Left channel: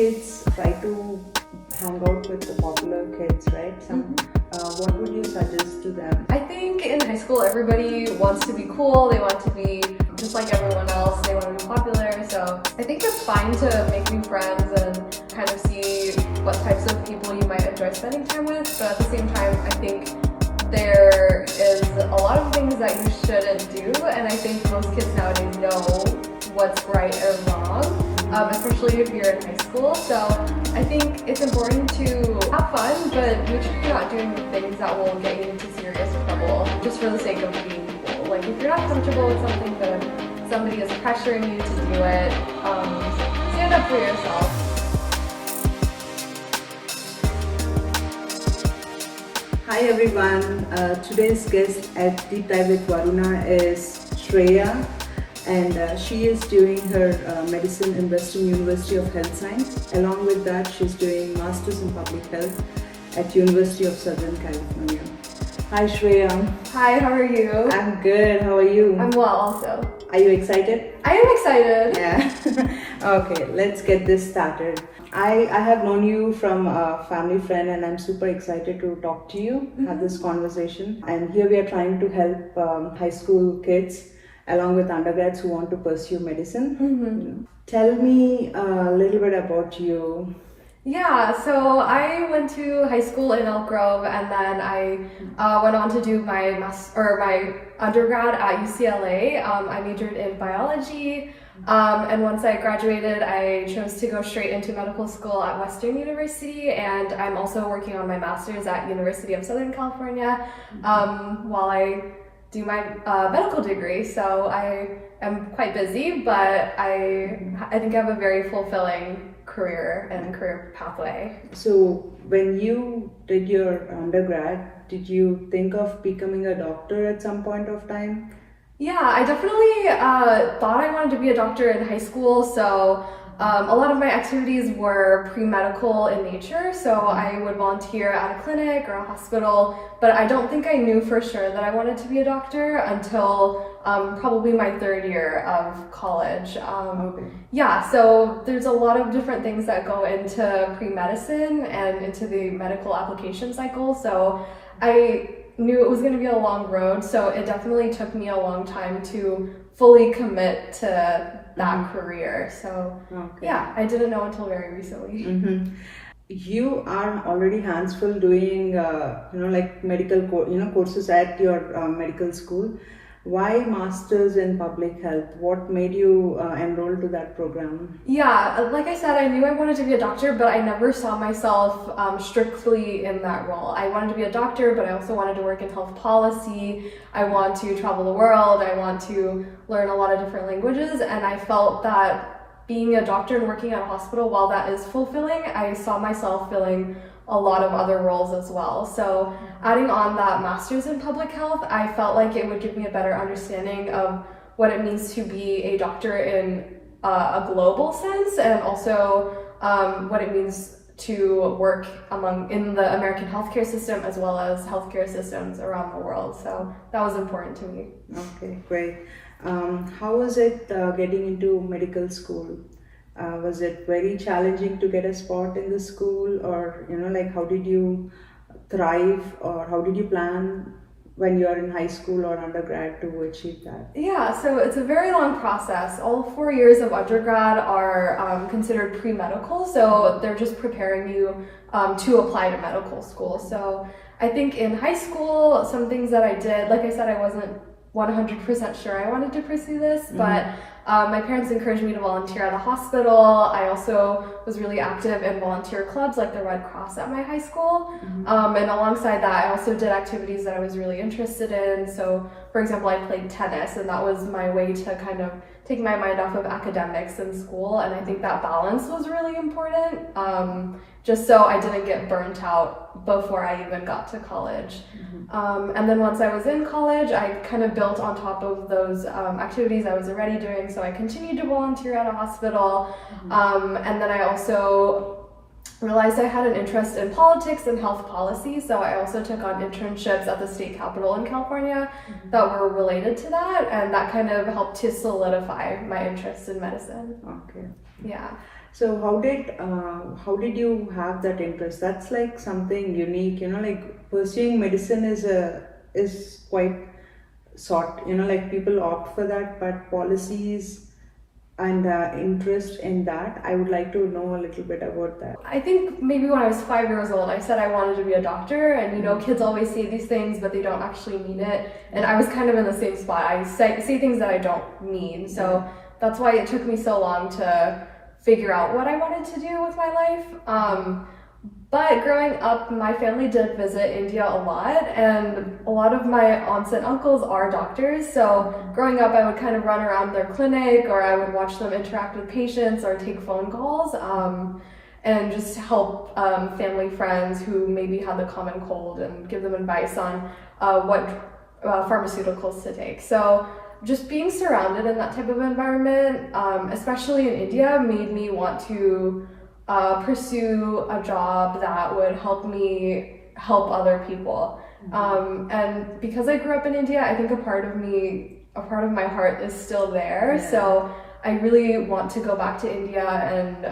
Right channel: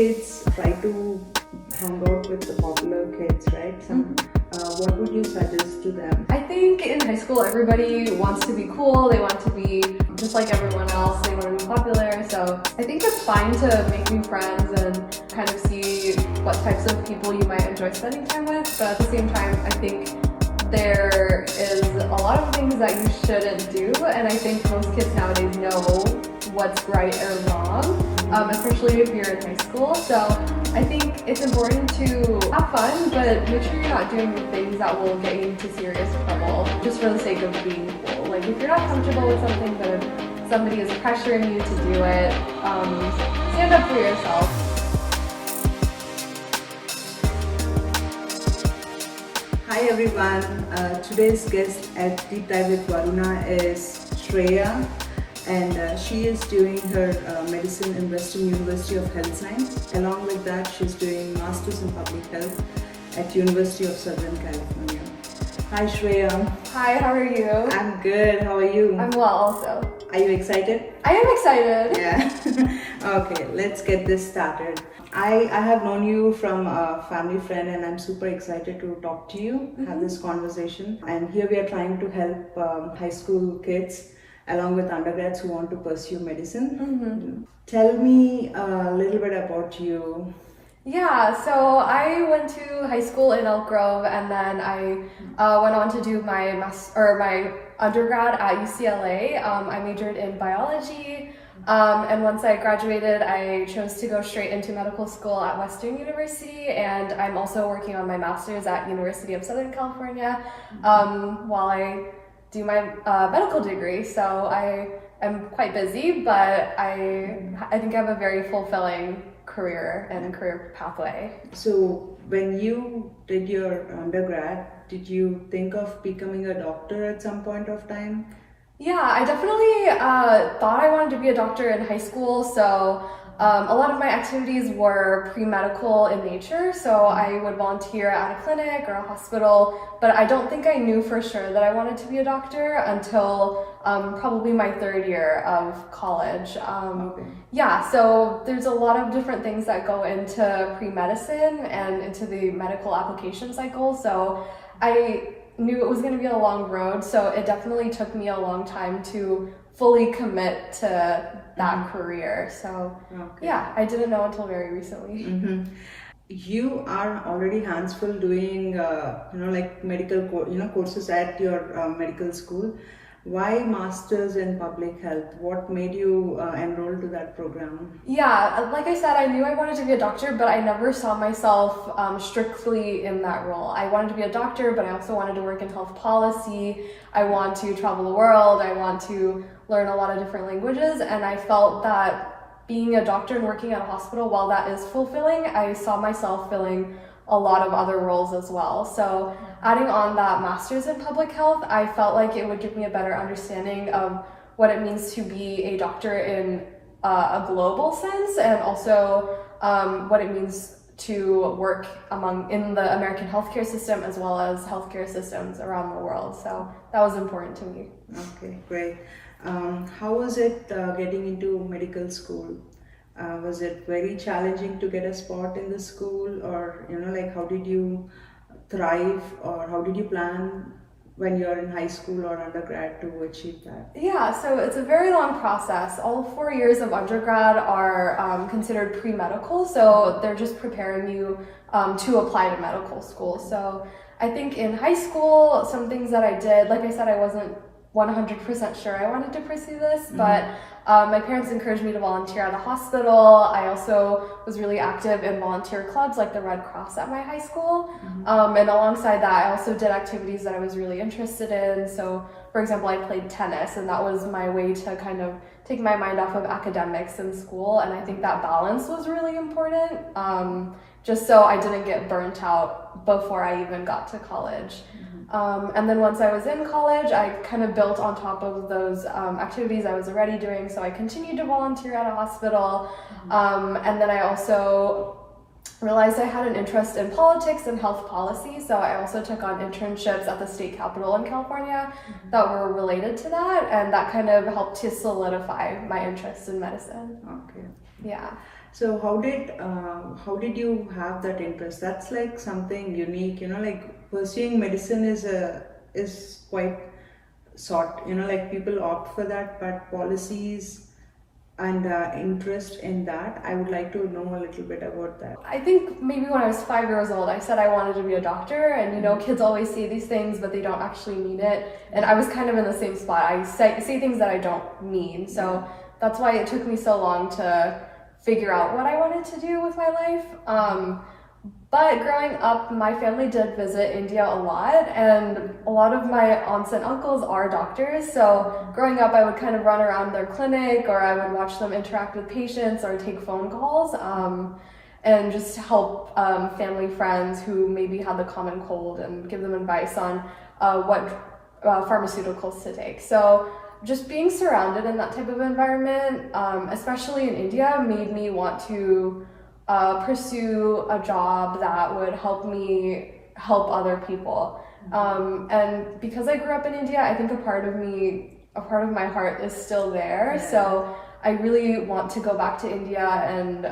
kids try to hang out with the popular kids, right? What would you suggest to them? I think in high school everybody wants to be cool, they want to be just like everyone else, they want to be popular, so I think it's fine to make new friends and kind of see what types of people you might enjoy spending time with, but at the same time I think there is a lot of things that you shouldn't do, and I think most kids nowadays know what's right or wrong, especially if you're in high school. So I think it's important to have fun, but make sure you're not doing things that will get you into serious trouble just for the sake of being cool. Like if you're not comfortable with something, then somebody is pressuring you to do it, stand up for yourself. Hi everyone, today's guest at Deep Dive with Varuna is Shreya, and she is doing her medicine in Western University of Health Science. Along with that, she's doing Masters in Public Health at University of Southern California. Hi Shreya. Hi, how are you? I'm good, how are you? I'm well also. Are you excited? I am excited. Yeah. Okay, let's get this started. I have known you from a family friend and I'm super excited to talk to you, have this conversation. And here we are trying to help high school kids along with undergrads who want to pursue medicine. Tell me a little bit about you. Yeah, so I went to high school in Elk Grove, and then I went on to do my undergrad at UCLA. I majored in biology, and once I graduated, I chose to go straight into medical school at Western University, and I'm also working on my master's at University of Southern California while I do my medical degree. So I am quite busy, but I think I have a very fulfilling career and career pathway. So when you did your undergrad, did you think of becoming a doctor at some point of time? Yeah, I definitely thought I wanted to be a doctor in high school, so a lot of my activities were pre-medical in nature, so I would volunteer at a clinic or a hospital, but I don't think I knew for sure that I wanted to be a doctor until probably my third year of college. Yeah, so there's a lot of different things that go into pre-medicine and into the medical application cycle, so I knew it was going to be a long road, so it definitely took me a long time to fully commit to that career. So yeah, I didn't know until very recently. You are already hands full doing like medical courses at your medical school. Why Masters in Public Health? What made you enroll to that program? Yeah, like I said, I knew I wanted to be a doctor, but I never saw myself strictly in that role. I wanted to be a doctor, but I also wanted to work in health policy. I want to travel the world. I want to learn a lot of different languages, and I felt that being a doctor and working at a hospital, while that is fulfilling, I saw myself filling a lot of other roles as well. So adding on that master's in public health, I felt like it would give me a better understanding of what it means to be a doctor in a global sense, and also what it means to work in the American healthcare system as well as healthcare systems around the world. So that was important to me. Okay, great. How was it getting into medical school? Was it very challenging to get a spot in the school, or how did you thrive, or how did you plan when you're in high school or undergrad to achieve that? Yeah, so it's a very long process. All 4 years of undergrad are considered pre-medical, so they're just preparing you to apply to medical school. So I think in high school, some things that I did, like I said, I wasn't 100% sure I wanted to pursue this, but my parents encouraged me to volunteer at a hospital. I also was really active in volunteer clubs like the Red Cross at my high school. And alongside that, I also did activities that I was really interested in. So, for example, I played tennis, and that was my way to kind of take my mind off of academics in school. And I think that balance was really important, just so I didn't get burnt out before I even got to college. And then once I was in college, I kind of built on top of those activities I was already doing. So I continued to volunteer at a hospital. And then I also realized I had an interest in politics and health policy, so I also took on internships at the state capitol in California that were related to that, and that kind of helped to solidify my interest in medicine. Okay. Yeah. So how did you have that interest? That's like something unique, like pursuing medicine is quite sought, like people opt for that, but policies and interest in that, I would like to know a little bit about that. I think maybe when I was 5 years old, I said I wanted to be a doctor, and kids always say these things, but they don't actually mean it. And I was kind of in the same spot. I say things that I don't mean. So that's why it took me so long to figure out what I wanted to do with my life. But growing up, my family did visit India a lot, and a lot of my aunts and uncles are doctors. So growing up, I would kind of run around their clinic, or I would watch them interact with patients or take phone calls, and just help family friends who maybe had the common cold and give them advice on what pharmaceuticals to take. So just being surrounded in that type of environment, especially in India, made me want to pursue a job that would help me help other people. And because I grew up in India, I think a part of my heart is still there. Yeah. So I really want to go back to India and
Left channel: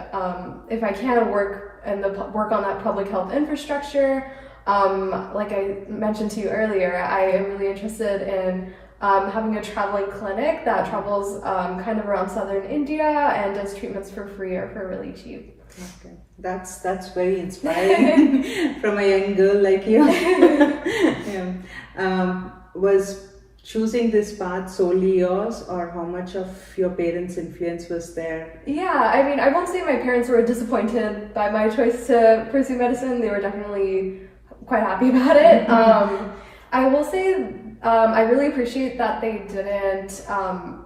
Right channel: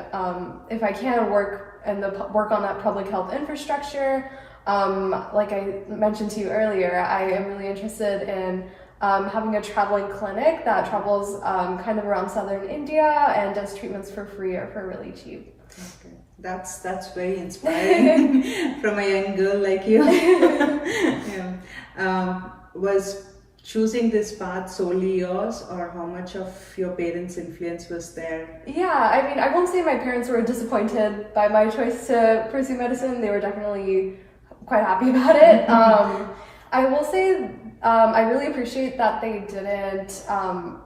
if I can work on that public health infrastructure. Like I mentioned to you earlier, I am really interested in having a traveling clinic that travels kind of around southern India and does treatments for free or for really cheap. Okay, that's very inspiring from a young girl like you. Yeah. Was choosing this path solely yours, or how much of your parents' influence was there? Yeah, I mean, I won't say my parents were disappointed by my choice to pursue medicine. They were definitely quite happy about it. I will say I really appreciate that they didn't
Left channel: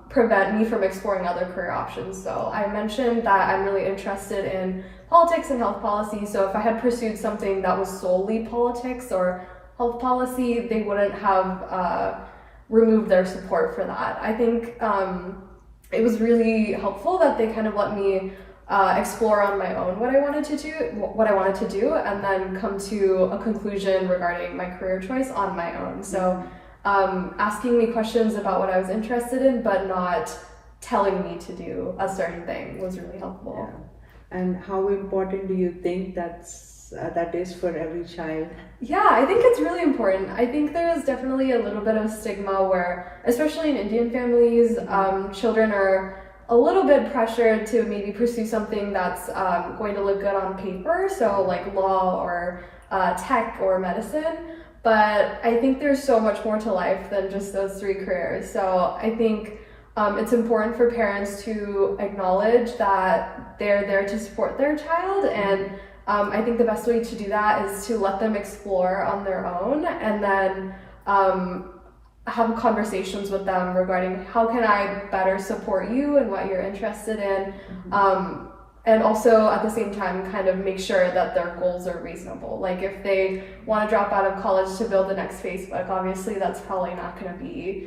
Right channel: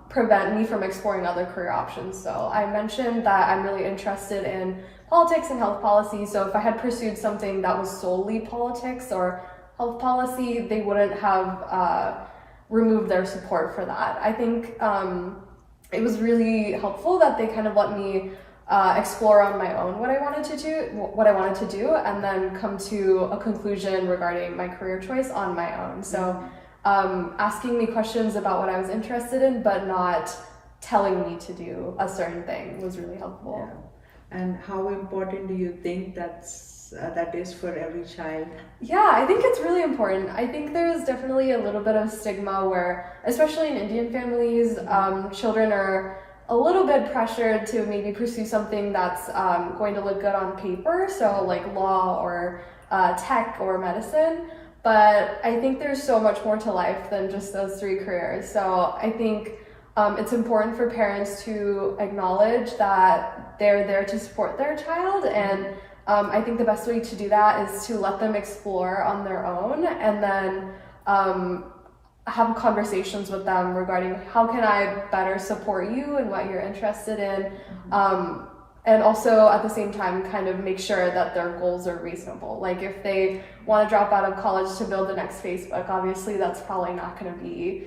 prevent me from exploring other career options. So I mentioned that I'm really interested in politics and health policy. So if I had pursued something that was solely politics or health policy, they wouldn't have removed their support for that. I think it was really helpful that they kind of let me explore on my own what I wanted to do, and then come to a conclusion regarding my career choice on my own. So asking me questions about what I was interested in, but not telling me to do a certain thing was really helpful. Yeah. And how important do you think that is for every child? Yeah, I think it's really important. I think there is definitely a little bit of stigma where, especially in Indian families, children are a little bit pressured to maybe pursue something that's going to look good on paper, so like law or tech or medicine. But I think there's so much more to life than just those three careers. So I think it's important for parents to acknowledge that they're there to support their child, and I think the best way to do that is to let them explore on their own, and then have conversations with them regarding how can I better support you and what you're interested in, and also at the same time kind of make sure that their goals are reasonable. Like if they want to drop out of college to build the next Facebook, obviously that's probably not going to be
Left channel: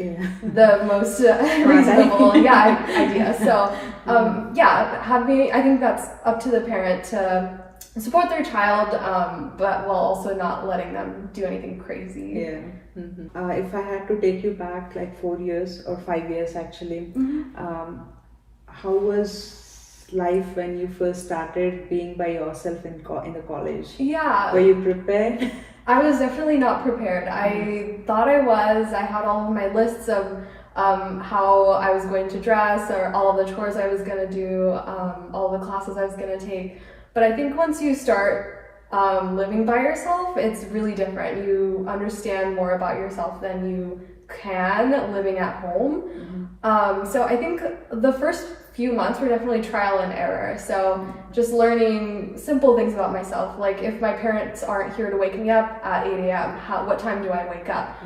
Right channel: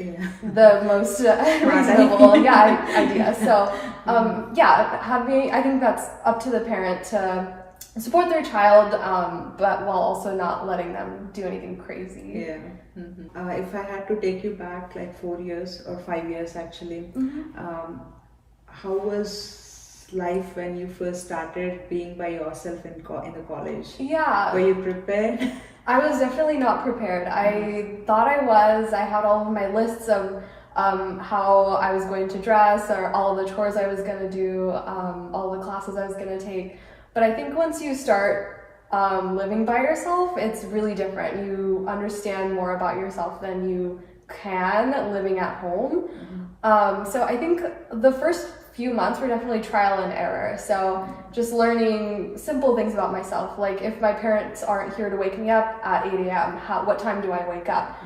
the most reasonable idea. So I think that's up to the parent to support their child, but while also not letting them do anything crazy. Yeah. If I had to take you back like 4 years or 5 years actually, how was life when you first started being by yourself in the college? Yeah. Were you prepared? I was definitely not prepared. I thought I was. I had all of my lists of how I was going to dress, or all of the chores I was going to do, all the classes I was going to take. But I think once you start living by yourself, it's really different. You understand more about yourself than you can living at home. So I think the first few months were definitely trial and error. So just learning simple things about myself, like if my parents aren't here to wake me up at 8 a.m., what time do I wake up?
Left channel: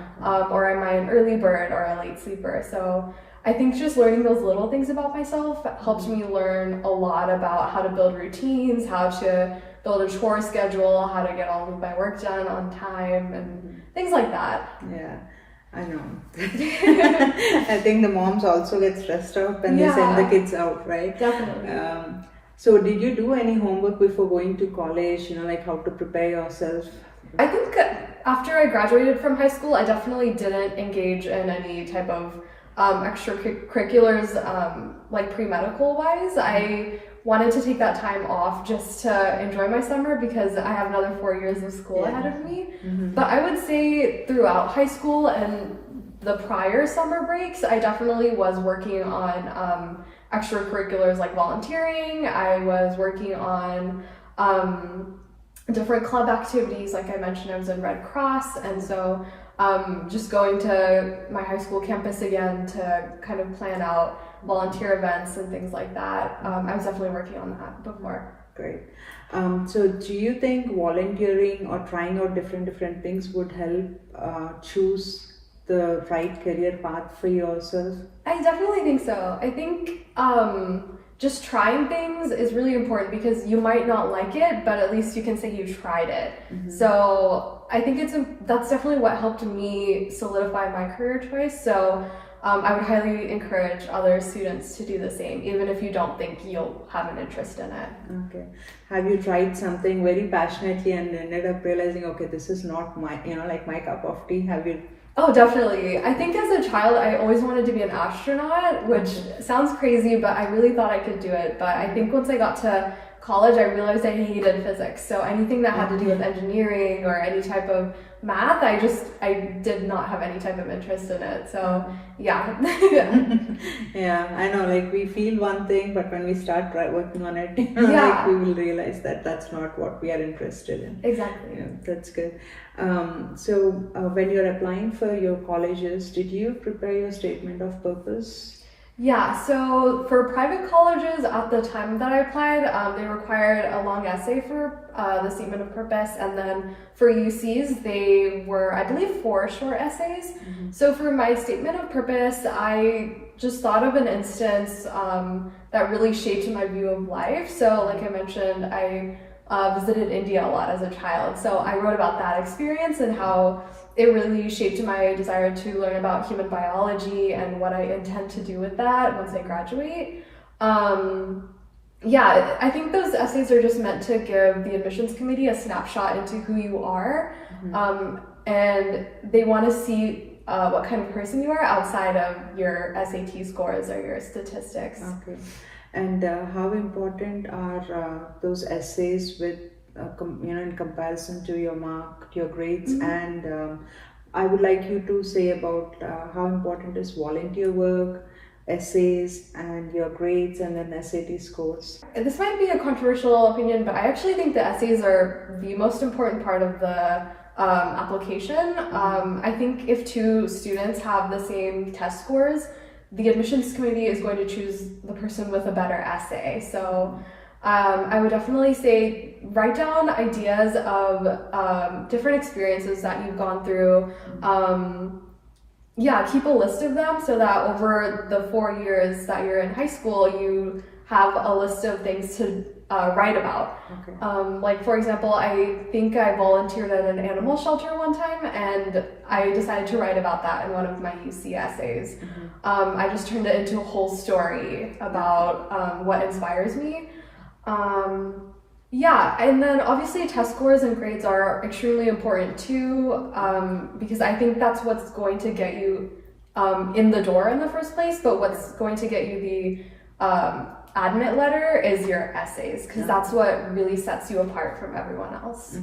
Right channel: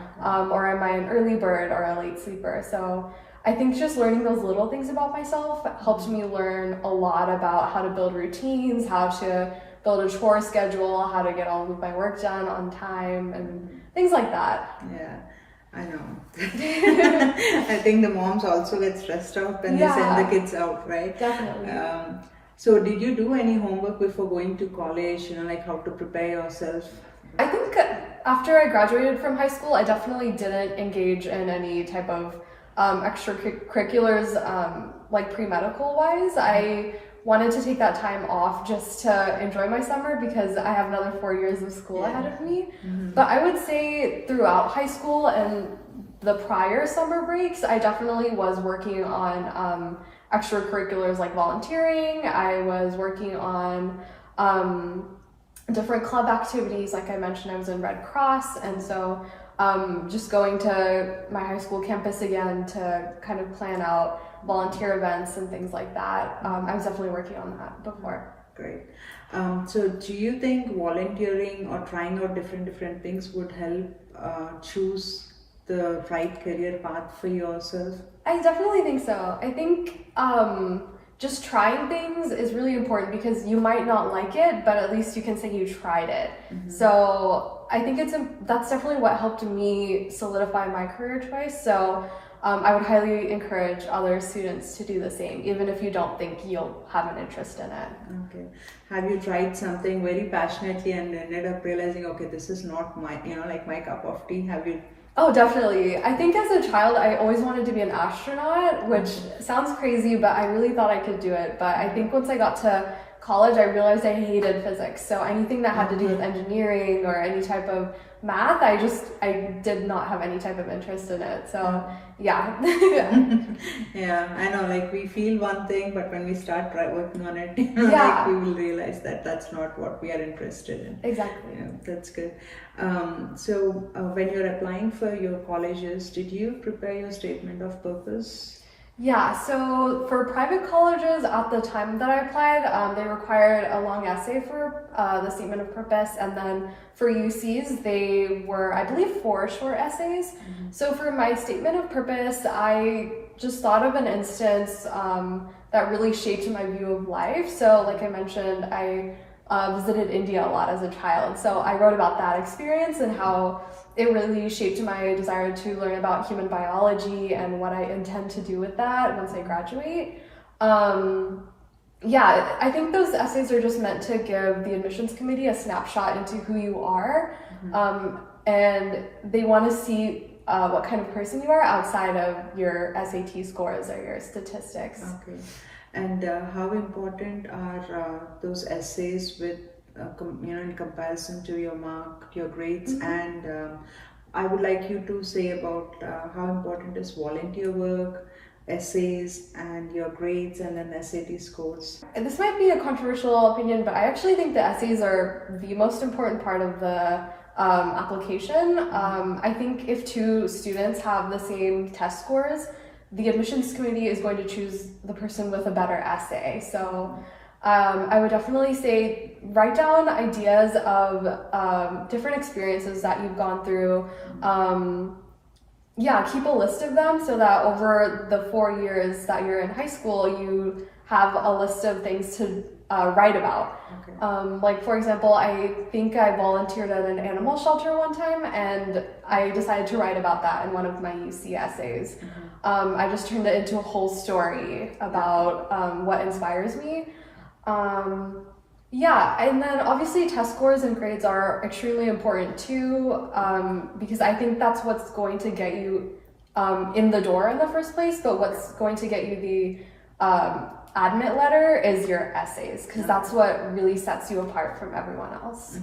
Or am I an early bird or a late sleeper? So I think just learning those little things about myself helped me learn a lot about how to build routines, how to build a chore schedule, how to get all of my work done on time, and things like that. Yeah, I know. I think the moms also get stressed out when they send the kids out, right? Definitely. So did you do any homework before going to college, like how to prepare yourself? I think after I graduated from high school, I definitely didn't engage in any type of extracurriculars, like pre-medical wise. I wanted to take that time off just to enjoy my summer because I have another 4 years of school ahead of me. But I would say throughout high school and the prior summer breaks, I definitely was working on extracurriculars like volunteering. I was working on different club activities. Like I mentioned, I was in Red Cross, and so just going to my high school campus again to kind of plan out volunteer events and things like that. I was definitely working on that before. Great. So do you think volunteering or trying out different things would help choose the right career path for yourself? I definitely think so. I think just trying things is really important because you might not like it, but at least you can say you tried it. So I think that's definitely what helped me solidify my career choice. So I would highly encourage other students to do the same, even if you don't think you'll have an interest in it. Okay. Have you tried something very passionately and ended up realizing, okay, this is not my, like my cup of tea? Have you? Oh, definitely. I think as a child, I always wanted to be an astronaut, which sounds crazy, but I really thought I could do it. But I think once I got to college, I realized I hated physics. So anything that had to do with engineering or any type of math, I did not have any type of interest in it. So yeah. Yeah, I know, like we feel one thing, but when we start working on it, Yeah. like we will realize that that's not what we are interested in. Exactly. Yeah, that's good. So when you're applying for your colleges, did you prepare your statement of purpose? Yeah, so for private colleges at the time that I applied, they required a long essay for the statement of purpose, and then for UCs, they were, I believe, 4 short essays. So for my statement of purpose, I just thought of an instance that really shaped my view of life. So like I mentioned, I visited India a lot as a child, so I wrote about that experience and how it really shaped my desire to learn about human biology and what I intend to do with that once I graduate. Yeah, I think those essays are just meant to give the admissions committee a snapshot into who you are, and they want to see what kind of person you are outside of your SAT scores or your statistics. Okay. And how important are those essays with in comparison to your mark, your grades? And I would like you to say about how important is volunteer work, essays, and your grades, and then SAT scores. This might be a controversial opinion, but I actually think the essays are the most important part of the application. I think if 2 students have the same test scores, the admissions committee is going to choose the person with a better essay. So I would definitely say write down ideas of different experiences that you've gone through. Keep a list of them so that over the 4 years that you're in high school, you have a list of things to write about. Okay. Like for example, I think I volunteered at an animal shelter one time, and I decided to write about that in one of my UC essays. I just turned it into a whole story about what inspires me. And then obviously test scores and grades are extremely important too, because I think that's what's going to get you in the door in the first place, but what's going to get you the admit letter is your essays, because that's what really sets you apart from everyone else.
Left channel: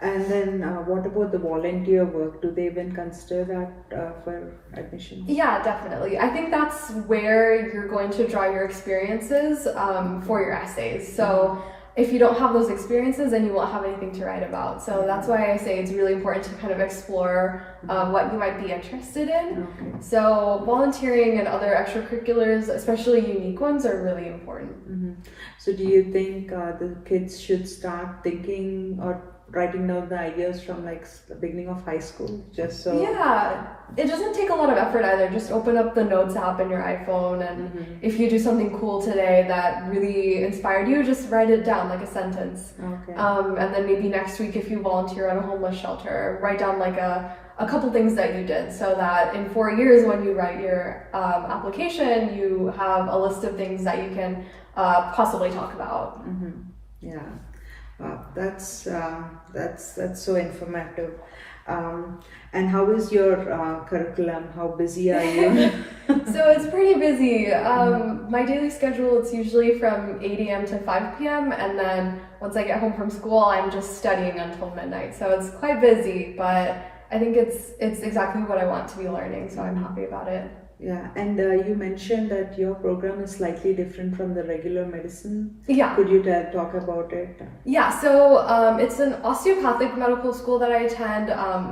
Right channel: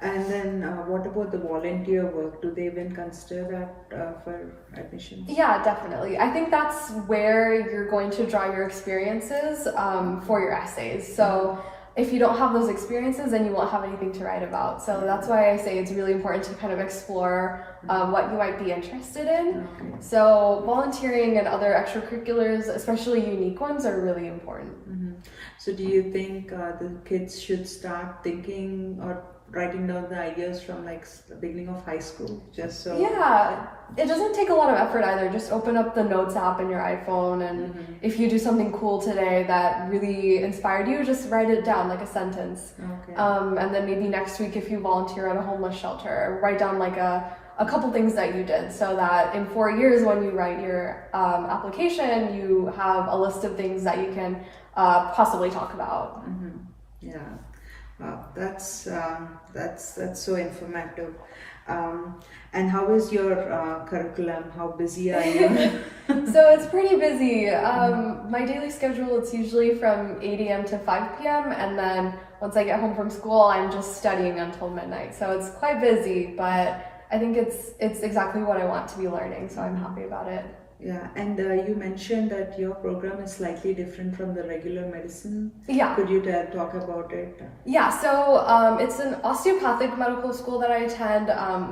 And then what about the volunteer work? Do they even consider that for admission? Yeah, definitely. I think that's where you're going to draw your experiences for your essays. So if you don't have those experiences, then you won't have anything to write about. So that's why I say it's really important to kind of explore what you might be interested in. Okay. So volunteering and other extracurriculars, especially unique ones, are really important. So do you think the kids should start thinking or writing down the ideas from like the beginning of high school, just so? Yeah, it doesn't take a lot of effort either. Just open up the Notes app in your iPhone, and if you do something cool today that really inspired you, just write it down like a sentence. Okay. And then maybe next week, if you volunteer at a homeless shelter, write down like a couple things that you did, so that in 4 years when you write your application, you have a list of things that you can possibly talk about. Yeah. That's so informative. And how is your curriculum? How busy are you? So it's pretty busy. My daily schedule, it's usually from 8 a.m. to 5 p.m. And then once I get home from school, I'm just studying until midnight. So it's quite busy, but I think it's exactly what I want to be learning. So I'm happy about it. Yeah, and you mentioned that your program is slightly different from the regular medicine. Yeah. Could you talk about it? Yeah, so it's an osteopathic medical school that I attend,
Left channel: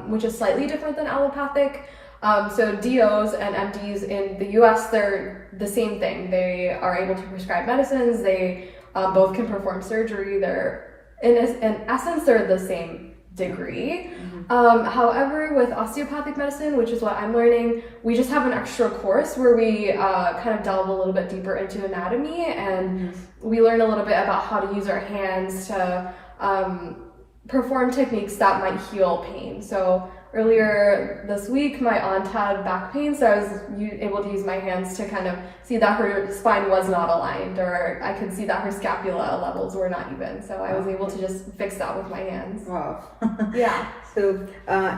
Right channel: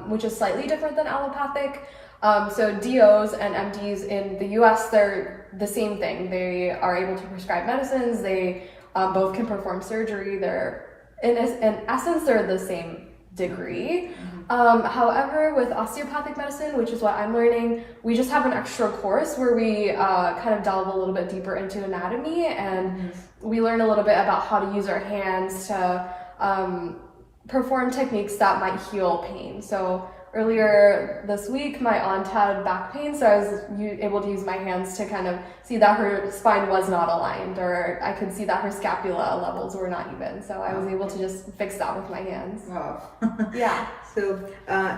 which is slightly different than allopathic. So DOs and MDs in the US, they're the same thing. They are able to prescribe medicines. They both can perform surgery. They're, in essence, they're the same degree. However, with osteopathic medicine, which is what I'm learning, we just have an extra course where we kind of delve a little bit deeper into anatomy, and we learn a little bit about how to use our hands to perform techniques that might heal pain. So earlier this week, my aunt had back pain, so I was able to use my hands to kind of see that her spine was not aligned, or I could see that her scapula levels were not even. So I was able to just fix that with my hands. Wow. Yeah. So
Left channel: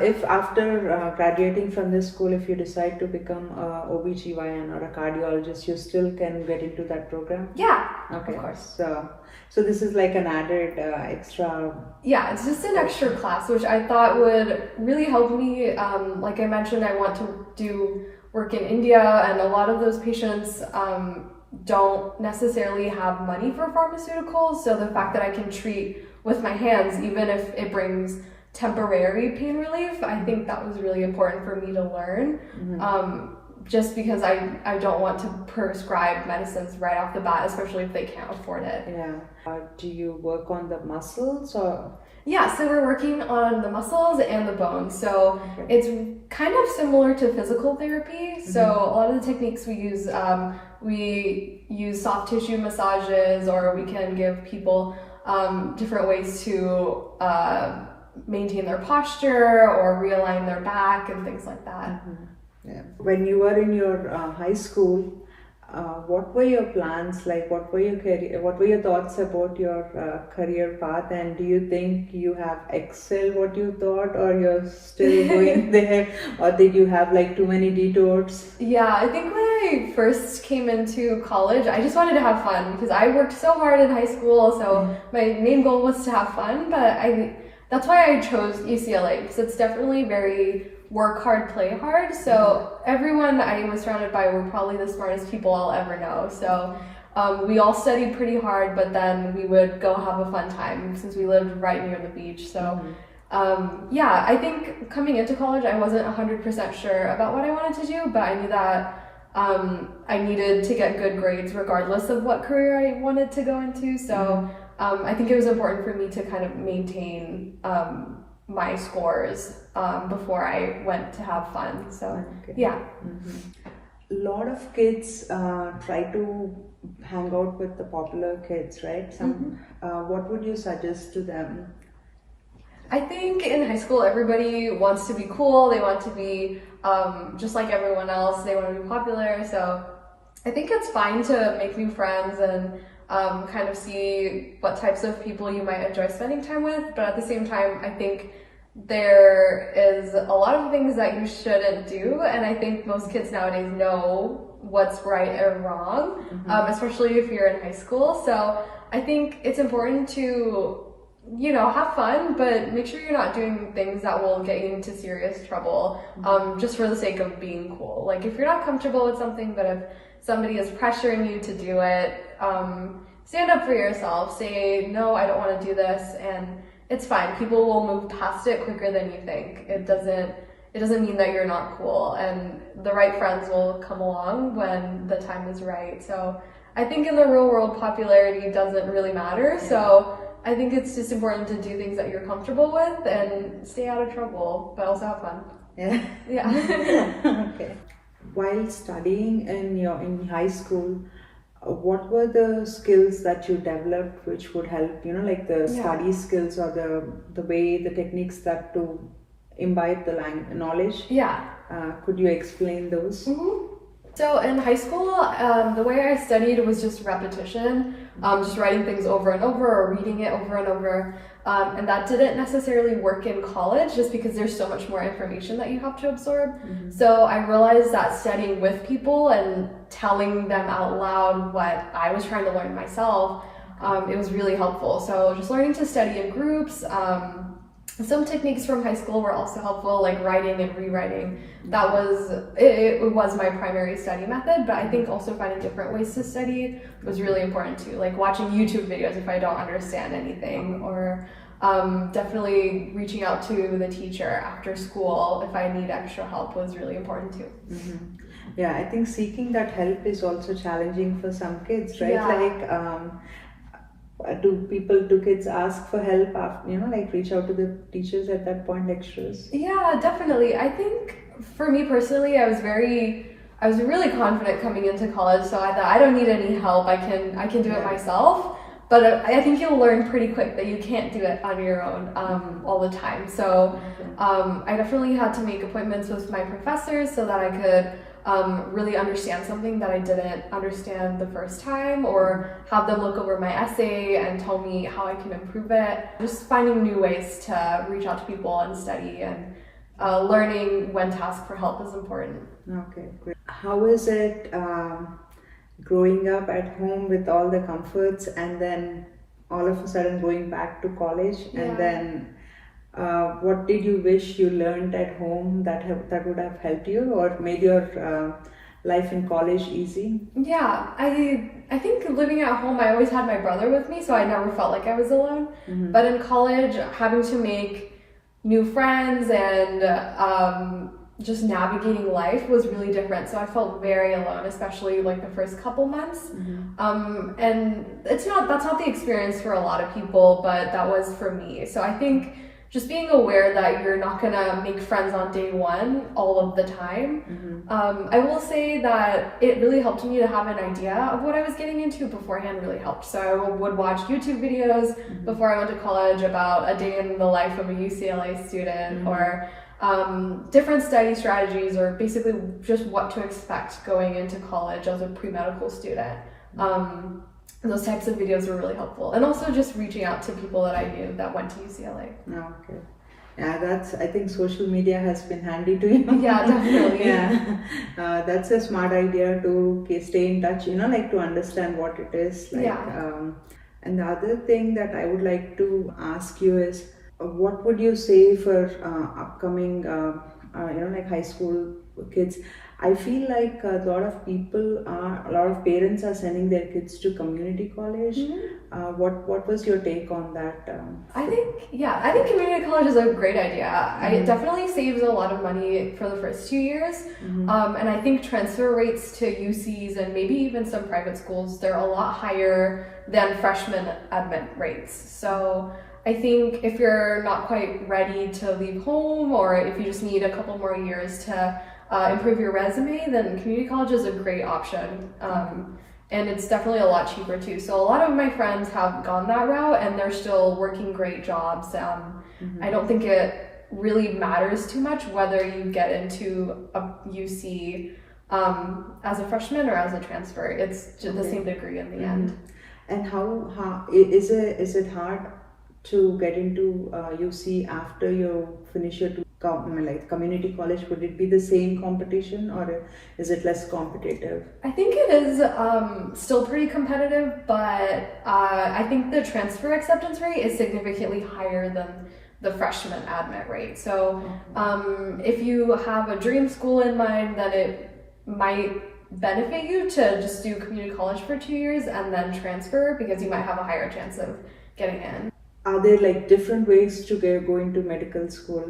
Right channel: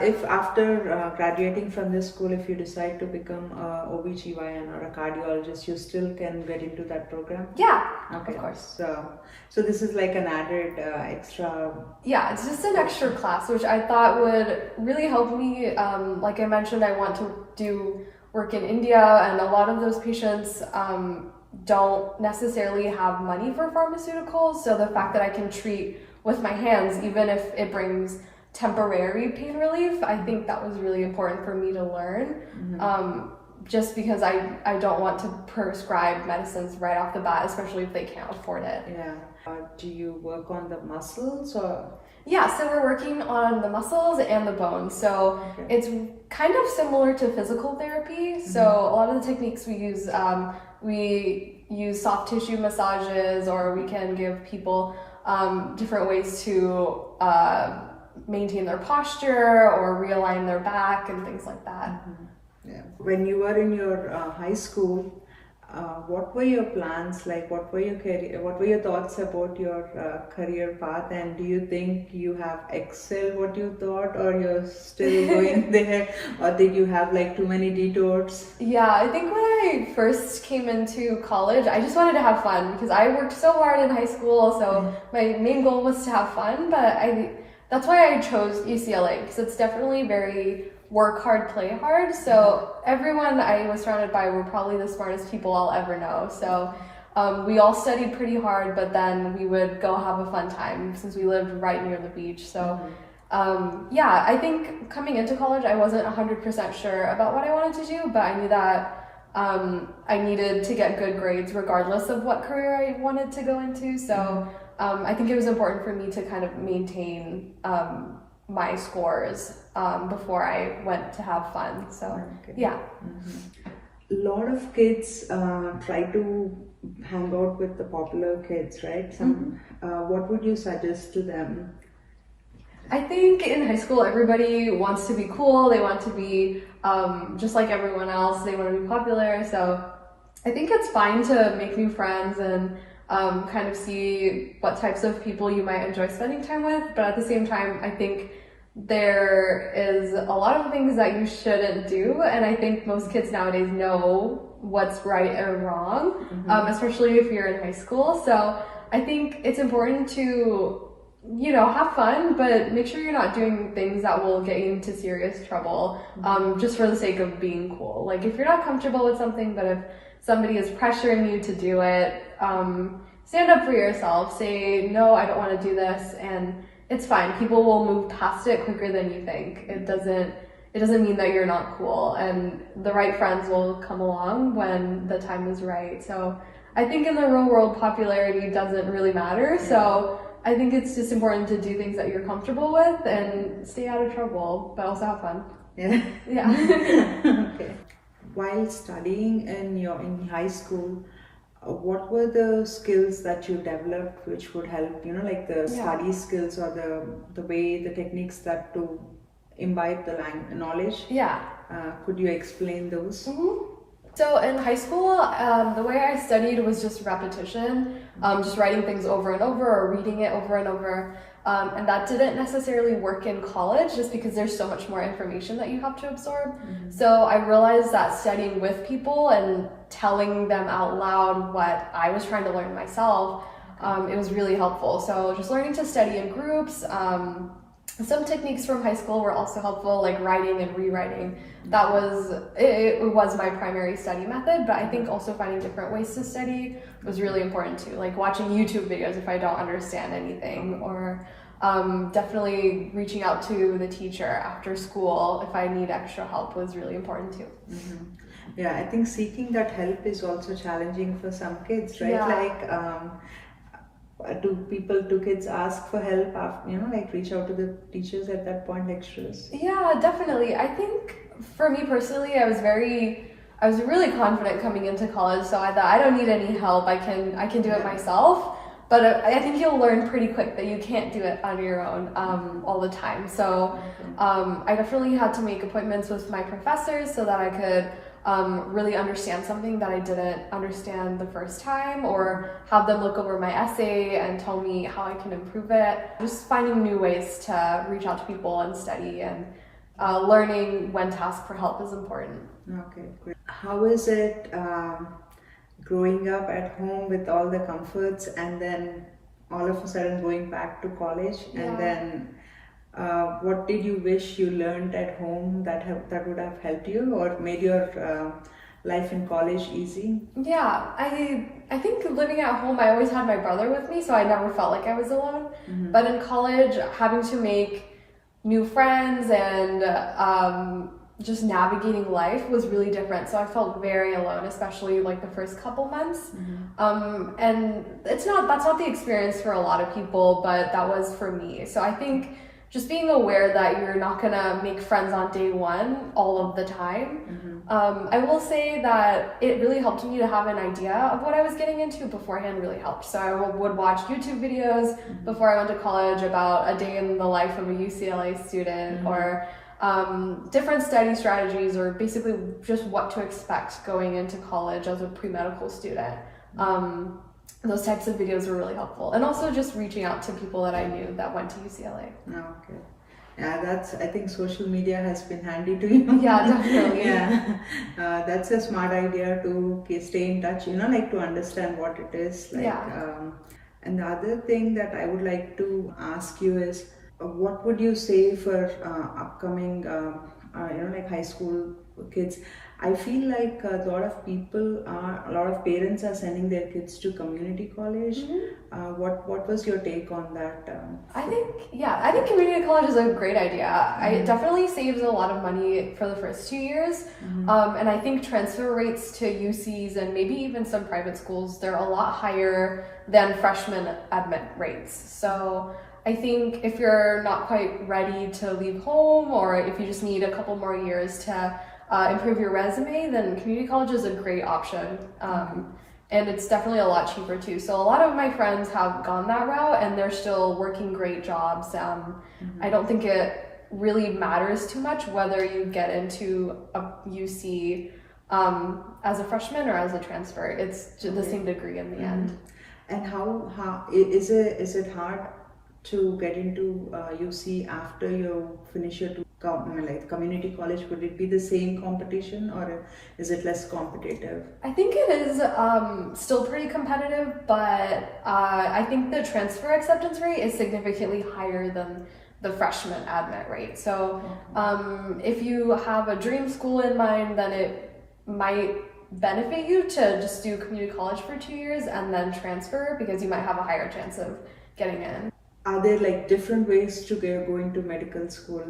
if after graduating from this school, if you decide to become a OBGYN or a cardiologist, you still can get into that program? Yeah, okay. Of course. So this is like an added extra... Yeah, it's just an extra class, which I thought would really help me. Like I mentioned, I want to do work in India, and a lot of those patients don't necessarily have money for pharmaceuticals. So the fact that I can treat with my hands, even if it brings temporary pain relief, I think that was really important for me to learn. Just because I don't want to prescribe medicines right off the bat, especially if they can't afford it. Yeah. Do you work on the muscles or? Yeah, so we're working on the muscles and the bones. So it's kind of similar to physical therapy. So a lot of the techniques we use soft tissue massages, or we can give people different ways to maintain their posture or realign their back and things like that. Yeah. When you were in your high school, what were your plans? Like, what were your thoughts about your career path? And do you think you have excelled what you thought, or you're still going there, or did you have like too many detours? Yeah, I think when I first came into college, I just wanted to have fun because I worked so hard in high school. So my main goal was to have fun, but that's why I chose UCLA, because it's definitely very work hard, play hard. So everyone I was surrounded by were probably the smartest people I'll ever know. So we all studied pretty hard, but then we would go have a fun time since we lived right near the beach. So yeah, I think coming into college, I wasn't 100% sure about what I wanted to do, but I knew that I needed to get good grades regardless of what career I wanted to go into. So I think it was important for me to kind of maintain my scores before I went to have fun. So yeah. A lot of kids try to hang out with the popular kids, right? What would you suggest to them? I think in high school, everybody wants to be cool. They want to be just like everyone else. They want to be popular. So I think it's fine to make new friends and kind of see what types of people you might enjoy spending time with. But at the same time, I think there is a lot of things that you shouldn't do. And I think most kids nowadays know what's right or wrong, especially if you're in high school. So I think it's important to, have fun, but make sure you're not doing things that will get you into serious trouble, just for the sake of being cool. Like if you're not comfortable with something, but if somebody is pressuring you to do it, stand up for yourself, say, no, I don't want to do this, and it's fine. People will move past it quicker than you think. It doesn't mean that you're not cool, and the right friends will come along when the time is right. So I think in the real world, popularity doesn't really matter. So I think it's just important to do things that you're comfortable with and stay out of trouble, but also have fun. Yeah. Okay. While studying in high school, what were the skills that you developed which would help, like the study skills or the way, the techniques that to imbibe the knowledge? Yeah. Could you explain those? So in high school, the way I studied was just repetition, just writing things over and over or reading it over and over. And that didn't necessarily work in college just because there's so much more information that you have to absorb. So I realized that studying with people and telling them out loud what I was trying to learn myself, it was really helpful. So just learning to study in groups. Some techniques from high school were also helpful, like writing and rewriting. That was, it was my primary study method, but I think also finding different ways to study was really important too, like watching YouTube videos if I don't understand anything, or definitely reaching out to the teacher after school if I need extra help was really important too. Yeah, I think seeking that help is also challenging for some kids, right? Yeah. Like, do kids ask for help after, like reach out to the teachers at that point, lecturers? Yeah, definitely. I think for me personally, I was really confident coming into college, so I thought I don't need any help. I can do it myself. But I think you'll learn pretty quick that you can't do it on your own all the time. So I definitely had to make appointments with my professors so that I could really understand something that I didn't understand the first time, or have them look over my essay and tell me how I can improve it. Just finding new ways to reach out to people and study, and learning when to ask for help is important. Okay, great. How is it growing up at home with all the comforts and then all of a sudden going back to college? And then what did you wish you learned at home that would have helped you or made your life in college easy? Yeah, I think living at home, I always had my brother with me, so I never felt like I was alone. But in college, having to make new friends and just navigating life was really different. So I felt very alone, especially like the first couple months. And that's not the experience for a lot of people, but that was for me. So I think just being aware that you're not gonna make friends on day one all of the time. I will say that it really helped me to have an idea of what I was getting into beforehand. Really helped. So I would watch YouTube videos before I went to college about a day in the life of a UCLA student, or different study strategies, or basically just what to expect going into college as a pre-medical student. Those types of videos were really helpful, and also just reaching out to people that I knew that went to UCLA. Okay. Yeah, I think social media has been handy to you. Yeah, definitely. That's a smart idea to stay in touch, like to understand what it is. And the other thing that I would like to ask you is, what would you say for upcoming, like high school kids? I feel like a lot of parents are sending their kids to community college. What was your take on that? I think community college is a great idea. It definitely saves a lot of money for the first 2 years. And I think transfer rates to UCs and maybe even some private schools, they're a lot higher than freshman admit rates. So I think if you're not quite ready to leave home, or if you just need a couple more years to improve your resume, then community college is a great option. And it's definitely a lot cheaper too. So a lot of my friends have gone that route and they're still working great jobs. I don't think it really matters too much whether you get into a UC as a freshman or as a transfer. It's just the same degree in the end. And how is it hard to get into UC after you finish your community college? Would it be the same competition, or is it less competitive? I think it is still pretty competitive, but I think the transfer acceptance rate is significantly higher than the freshman admit rate. So if you have a dream school in mind, then it might benefit you to just do community college for 2 years and then transfer, because you might have a higher chance of getting in. Are there like different ways to go into medical school?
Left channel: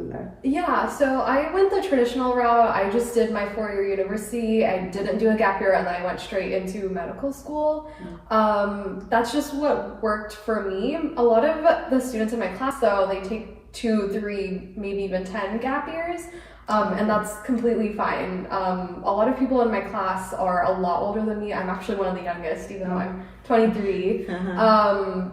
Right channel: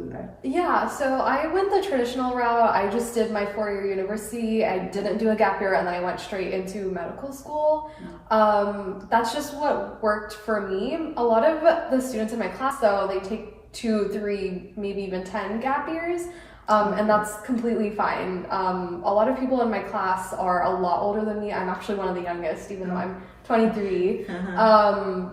Yeah, so I went the traditional route. I just did my 4-year university. I didn't do a gap year, and then I went straight into medical school. That's just what worked for me. A lot of the students in my class, though, they take 2, 3, maybe even 10 gap years. And that's completely fine. A lot of people in my class are a lot older than me. I'm actually one of the youngest, even though I'm 23.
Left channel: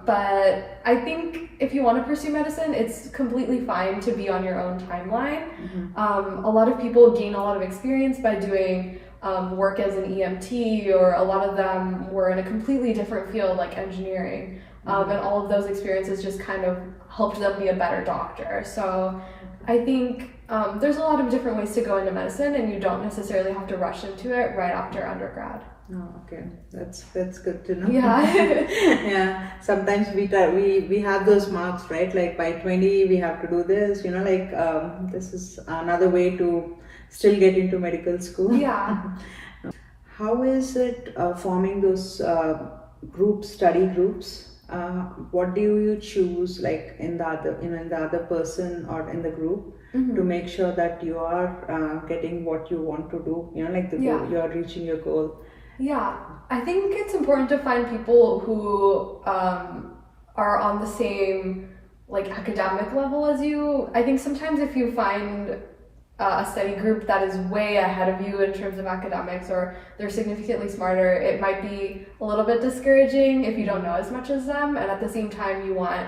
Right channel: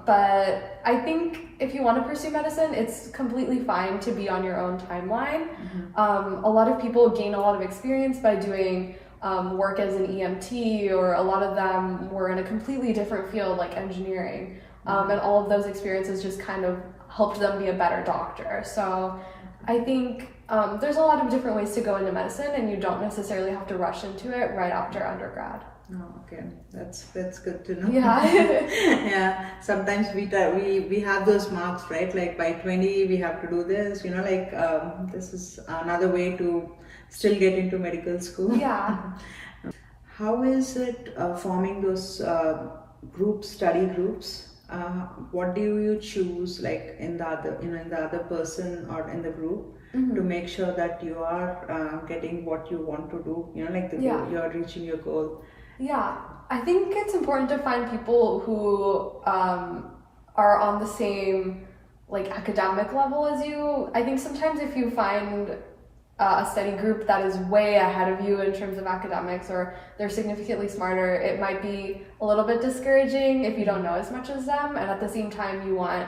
But I think if you want to pursue medicine, it's completely fine to be on your own timeline. A lot of people gain a lot of experience by doing work as an EMT, or a lot of them were in a completely different field like engineering. And all of those experiences just kind of helped them be a better doctor. So I think there's a lot of different ways to go into medicine, and you don't necessarily have to rush into it right after undergrad. Oh, okay. That's good to know. Yeah. Yeah. Sometimes we have those marks, right? Like by 20 we have to do this. This is another way to still get into medical school. Yeah. How is it forming those study groups? What do you choose, like in the other person or in the group, to make sure that you are getting what you want to do? Goal, you are reaching your goal. Yeah, I think it's important to find people who are on the same like academic level as you. I think sometimes if you find a study group that is way ahead of you in terms of academics, or they're significantly smarter, it might be a little bit discouraging if you don't know as much as them, and at the same time you want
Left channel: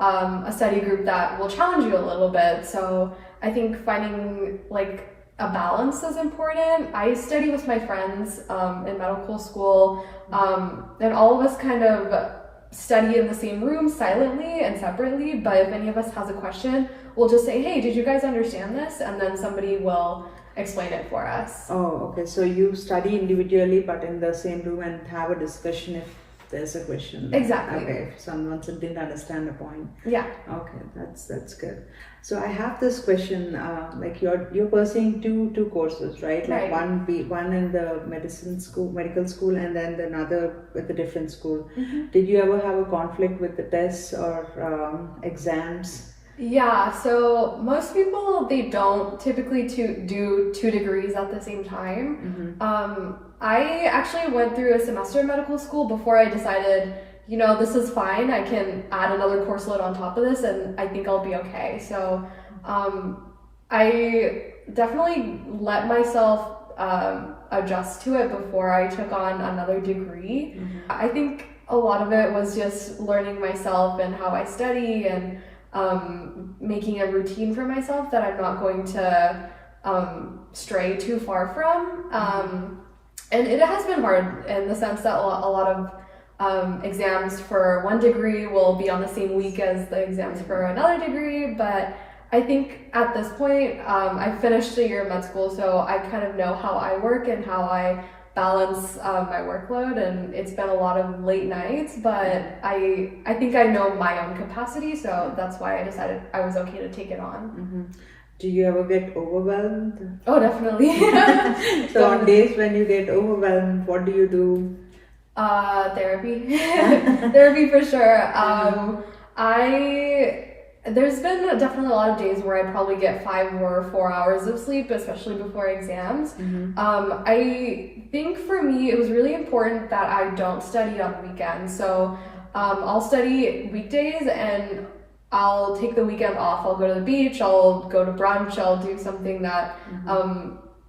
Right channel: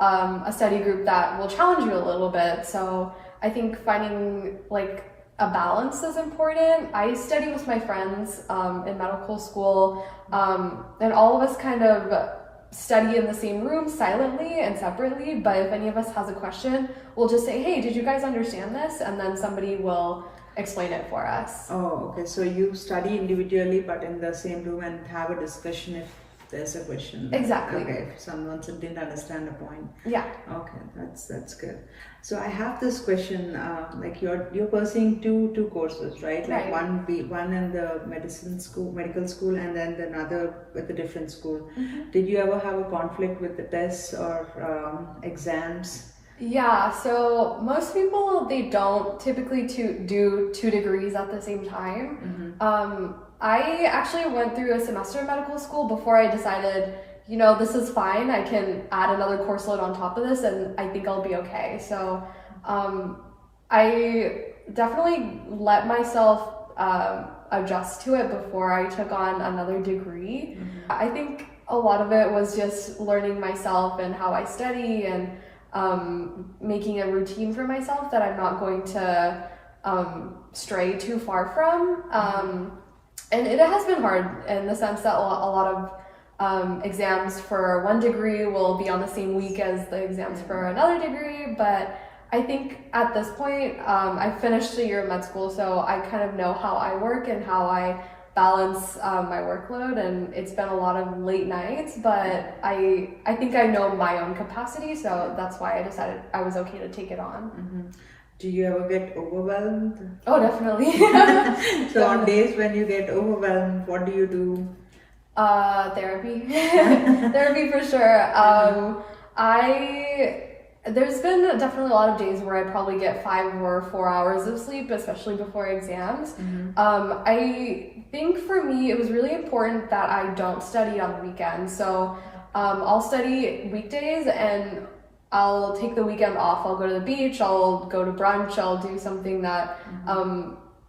a study group that will challenge you a little bit. So I think finding like a balance is important. I study with my friends in medical school, and all of us kind of study in the same room silently and separately, but if any of us has a question, we'll just say, hey, did you guys understand this? And then somebody will explain it for us. Oh, okay. So you study individually but in the same room and have a discussion if there's a question. Exactly. Okay, if someone didn't understand the point. Yeah. Okay, that's good. So I have this question, like you're pursuing two courses, right? Like right. one in the medical school, and then another with a different school. Did you ever have a conflict with the tests or exams? Yeah, so most people, they don't typically do 2 degrees at the same time. I actually went through a semester in medical school before I decided, this is fine. I can add another course load on top of this and I think I'll be okay. So I definitely let myself adjust to it before I took on another degree. I think a lot of it was just learning myself and how I study, and making a routine for myself that I'm not going to stray too far from. And it has been hard in the sense that a lot of exams for 1 degree will be on the same week as the exams for another degree, but I think at this point, I finished a year of med school, so I kind of know how I work and how I balance my workload, and it's been a lot of late nights, but I think I know my own capacity, so that's why I decided I was okay to take it on. Do you ever get overwhelmed? Oh, definitely. So on days when you get overwhelmed, what do you do? Therapy. Therapy for sure. There's been definitely a lot of days where I probably get 5 or 4 hours of sleep, especially before exams. I think for me, it was really important that I don't study on weekends. So I'll study weekdays and I'll take the weekend off. I'll go to the beach, I'll go to brunch, I'll do something that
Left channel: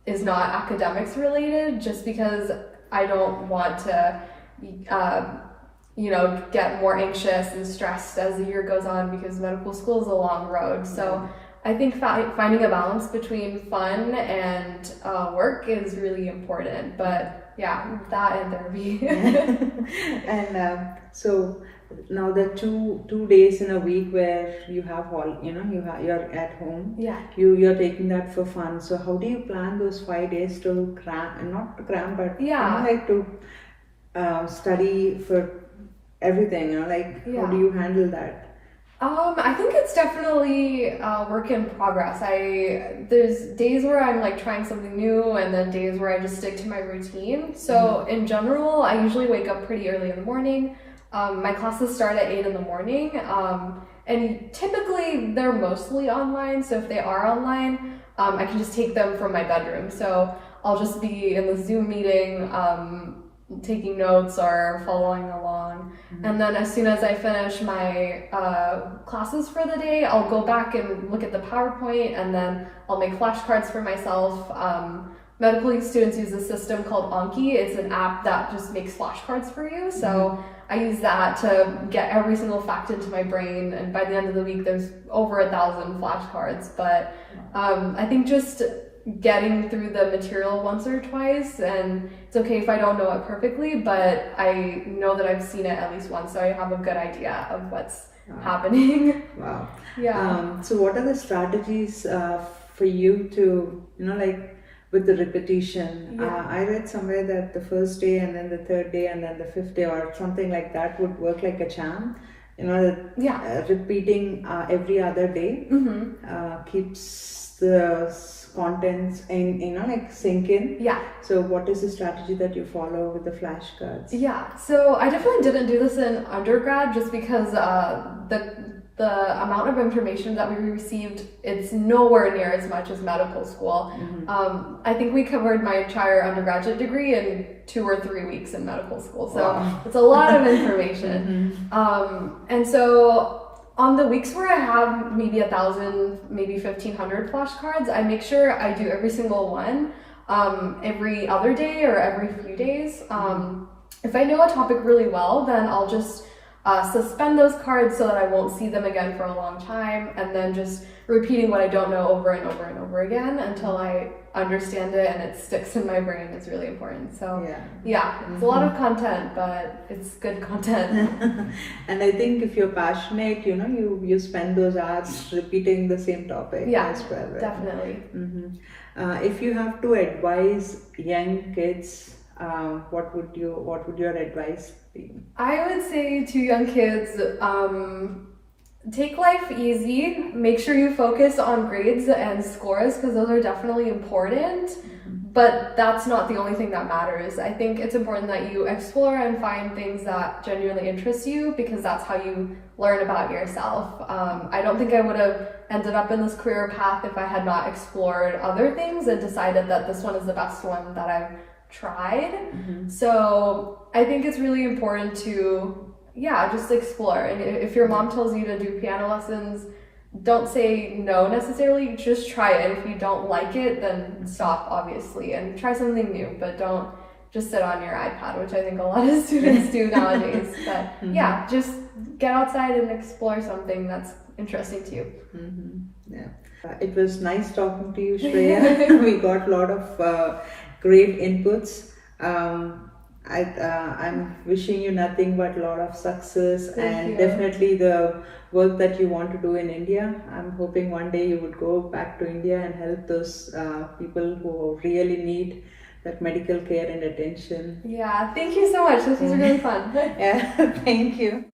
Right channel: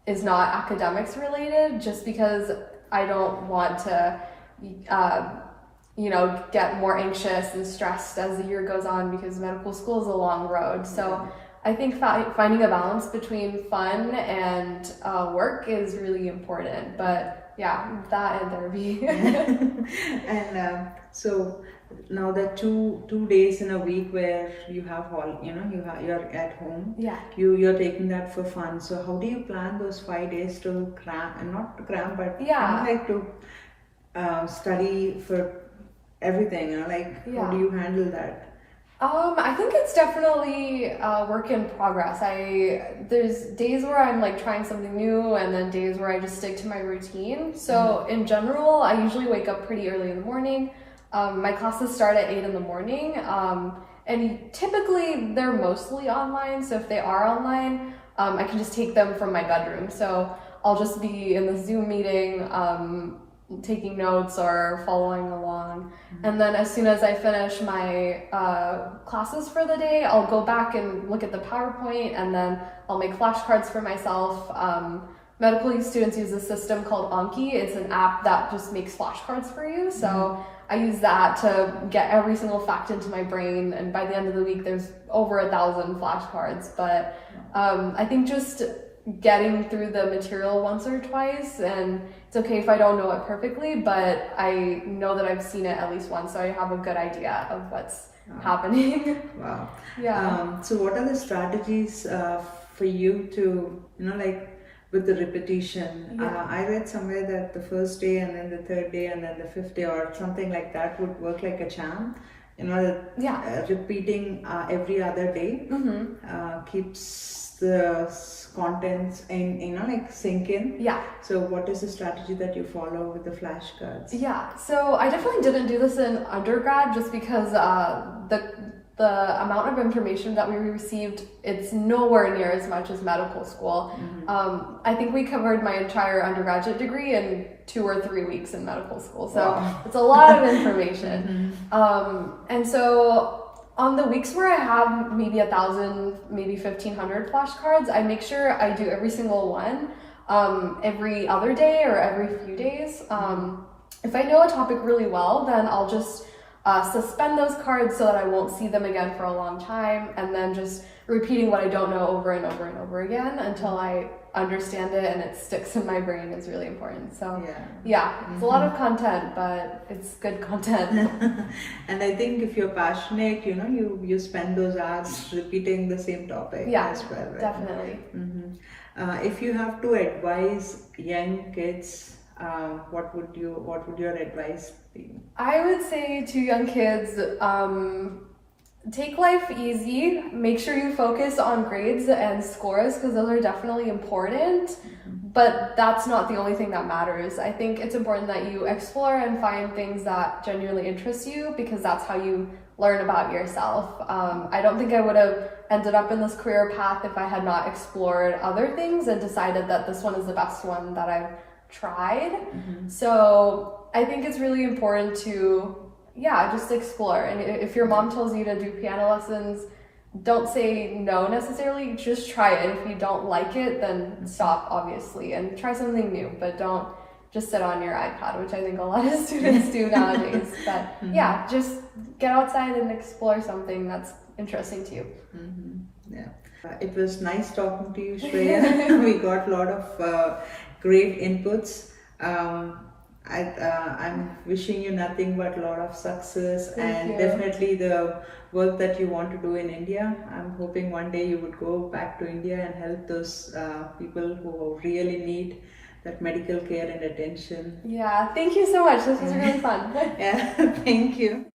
is not academics related, just because I don't want to get more anxious and stressed as the year goes on, because medical school is a long road. So I think finding a balance between fun and work is really important. But yeah, that and therapy. And so now the two days in a week where you have you're at home. Yeah. You're taking that for fun. So how do you plan those 5 days to cram, and not to cram, but like to study for everything? How do you handle that? I think it's definitely a work in progress. There's days where I'm like trying something new, and then days where I just stick to my routine. So in general, I usually wake up pretty early in the morning. My classes start at 8 in the morning, and typically they're mostly online. So if they are online, I can just take them from my bedroom. So I'll just be in the Zoom meeting, taking notes or following along. And then as soon as I finish my classes for the day, I'll go back and look at the PowerPoint, and then I'll make flashcards for myself. Medical students use a system called Anki. It's an app that just makes flashcards for you. So I use that to get every single fact into my brain, and by the end of the week there's over 1,000 flashcards. But I think just getting through the material once or twice, and it's okay if I don't know it perfectly, but I know that I've seen it at least once, so I have a good idea of what's happening. Wow. Yeah. So what are the strategies for you to, with the repetition? Yeah. I read somewhere that the first day and then the third day and then the fifth day or something like that would work like a charm. Repeating every other day keeps the contents sink in. Yeah. So what is the strategy that you follow with the flashcards? Yeah, so I definitely didn't do this in undergrad just because the amount of information that we received, it's nowhere near as much as medical school. I think we covered my entire undergraduate degree in 2 or 3 weeks in medical school, so wow. It's a lot of information. And so on the weeks where I have maybe 1,000, maybe 1,500 flashcards, I make sure I do every single one every other day or every few days. If I know a topic really well, then I'll just suspend those cards so that I won't see them again for a long time, and then just repeating what I don't know over and over and over again until I understand it and it sticks in my brain is really important. So yeah, it's a lot of content, but it's good content. And I think if you're passionate, you spend those hours repeating the same topic as well. Right? Definitely. If you have to advise young kids, what would your advice be? I would say to young kids, take life easy. Make sure you focus on grades and scores because those are definitely important, but that's not the only thing that matters. I think it's important that you explore and find things that genuinely interest you because that's how you learn about yourself. I don't think I would have ended up in this career path if I had not explored other things and decided that this one is the best one that I've tried. So I think it's really important to just explore. And if your mom tells you to do piano lessons, don't say no necessarily, just try it. If you don't like it, then stop, obviously, and try something new, but don't just sit on your iPad, which I think a lot of students do nowadays. But just get outside and explore something that's interesting to you. It was nice talking to you, Shreya. We got a lot of great inputs. I'm wishing you nothing but a lot of success. Thank you. Definitely the work that you want to do in India. I'm hoping one day you would go back to India and help those people who really need that medical care and attention. Yeah, thank you so much. This was really fun. Thank you.